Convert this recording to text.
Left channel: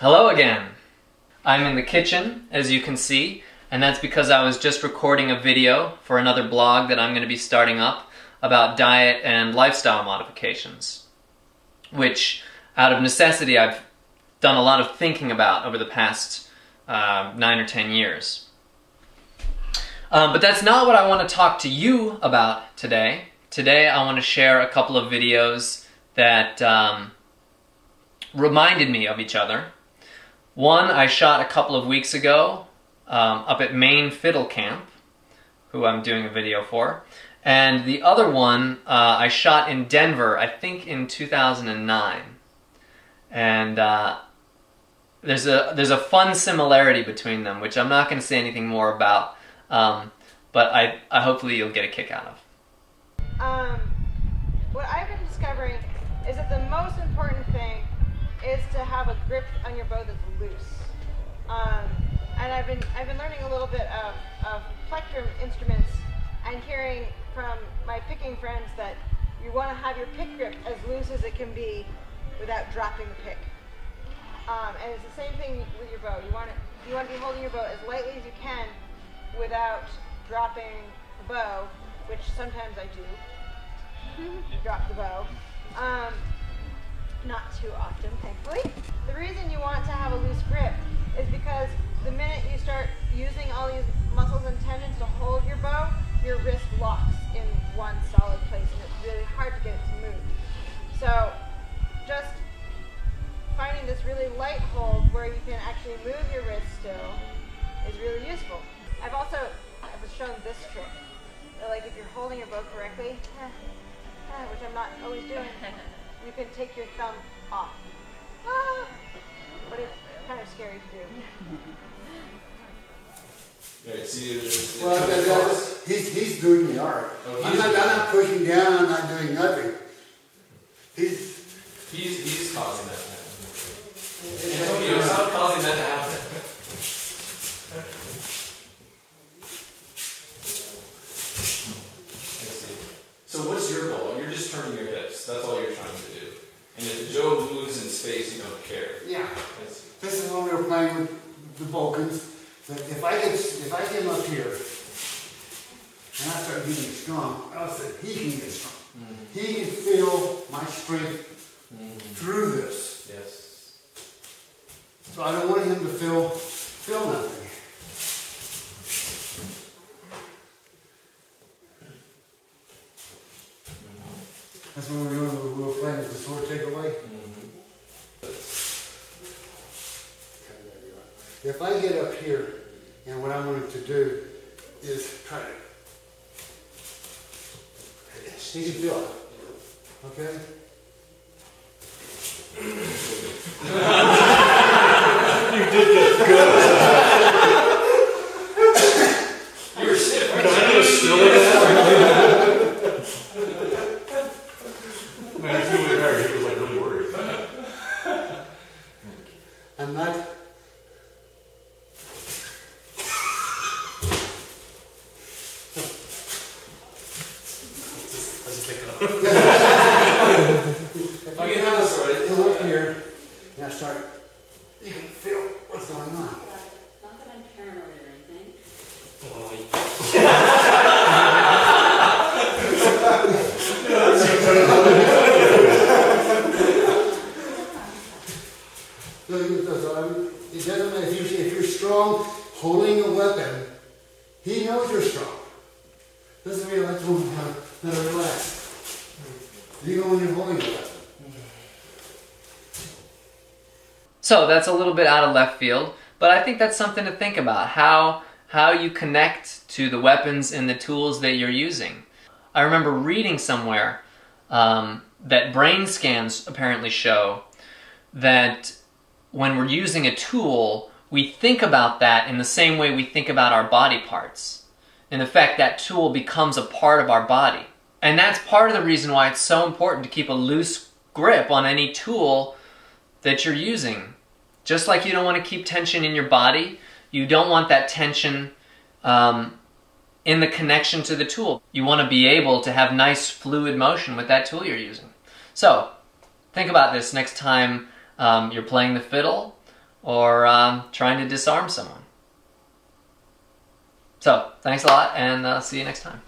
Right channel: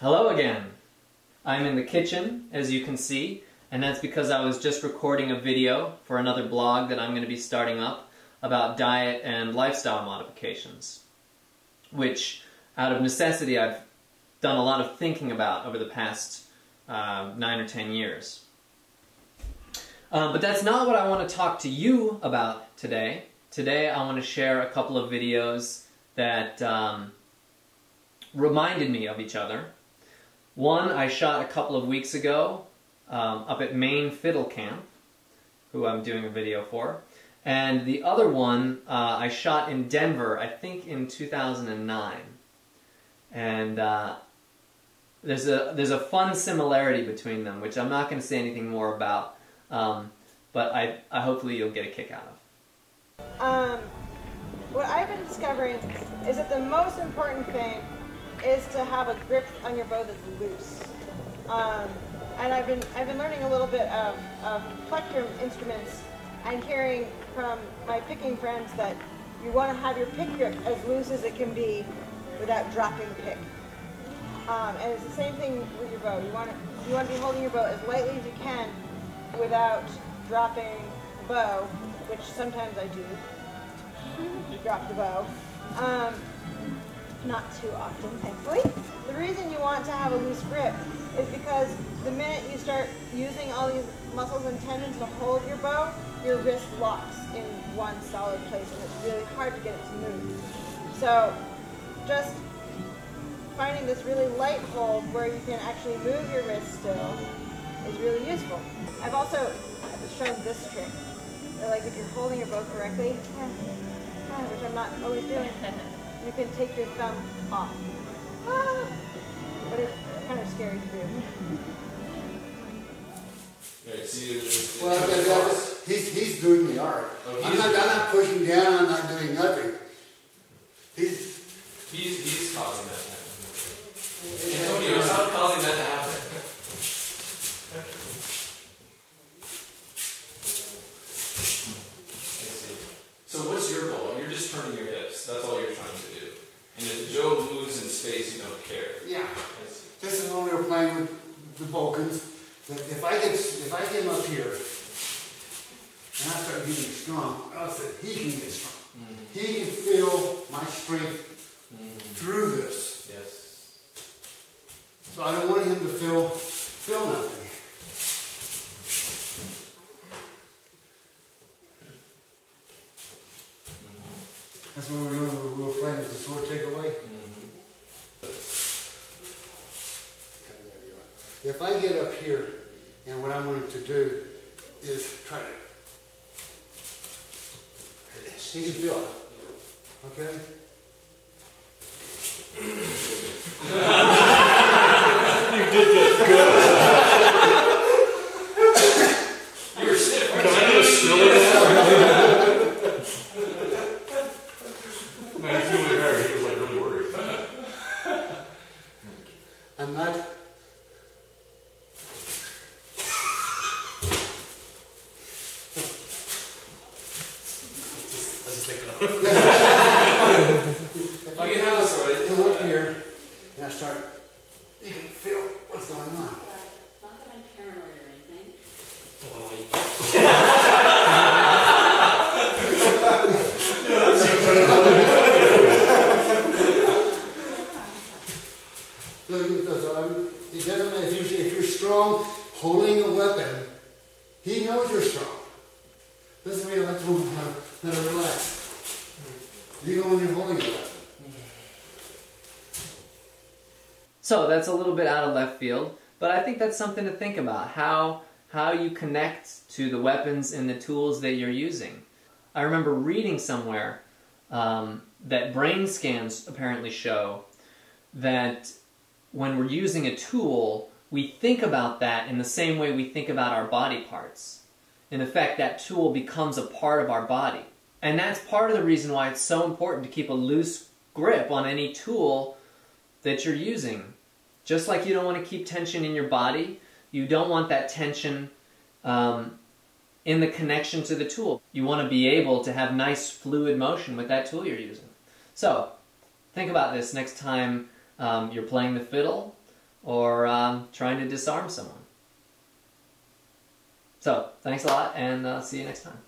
Hello again. I'm in the kitchen, as you can see, and that's because I was just recording a video for another blog that I'm going to be starting up about diet and lifestyle modifications, which, out of necessity, I've done a lot of thinking about over the past 9 or 10 years. But that's not what I want to talk to you about today. Today I want to share a couple of videos that reminded me of each other. One I shot a couple of weeks ago up at Maine Fiddle Camp, who I'm doing a video for. And the other one I shot in Denver, I think in 2009. And there's a fun similarity between them, which I'm not going to say anything more about, but I hopefully you'll get a kick out of. What I've been discovering is that the most important thing is to have a grip on your bow that's loose. And I've been learning a little bit of plectrum instruments and hearing from my picking friends that you want to have your pick grip as loose as it can be without dropping the pick. And it's the same thing with your bow. You want to be holding your bow as lightly as you can without dropping the bow, which sometimes I do. Drop the bow. Not too often, thankfully. The reason you want to have a loose grip is because the minute you start using all these muscles and tendons to hold your bow, your wrist locks in one solid place and it's really hard to get it to move. So just finding this really light hold where you can actually move your wrist still is really useful. I've also shown this trick. That, like, if you're holding your bow correctly, which I'm not always doing, you can take your thumb off. But it's kind of scary to do. Right, see, Well, he's doing the art. Oh, I'm not pushing down, I'm not doing nothing. He's causing that to happen. Antonio, stop causing that to happen. So what's your goal? You're just turning your hips. That's all you're trying to do. And if Joe moves in space, you don't care. Yeah. This is when we were playing with the Balkans. That if I get him up here and I start getting strong, I said he can get strong. Mm-hmm. He can feel my strength through this. Yes. So I don't want him to feel nothing. That's what we were playing with the sword takeaway. If I get up here, and what I want him to do is try to, he can feel it, okay? You did this good. You were stiff. Can I get a still of that? Man, he's really hard. He was like really worried. I'm not. If I get out come up here and I start, you can feel what's going on. Not that I'm paranoid or anything. It doesn't matter if you're strong holding a weapon, he knows you're strong. Doesn't mean let's move now relax. You know when you're holding a weapon. So that's a little bit out of left field, but I think that's something to think about, how you connect to the weapons and the tools that you're using. I remember reading somewhere that brain scans apparently show that when we're using a tool, we think about that in the same way we think about our body parts. In effect, that tool becomes a part of our body. And that's part of the reason why it's so important to keep a loose grip on any tool that you're using. Just like you don't want to keep tension in your body, you don't want that tension in the connection to the tool. You want to be able to have nice fluid motion with that tool you're using. So think about this next time you're playing the fiddle, or trying to disarm someone. So, thanks a lot, and see you next time.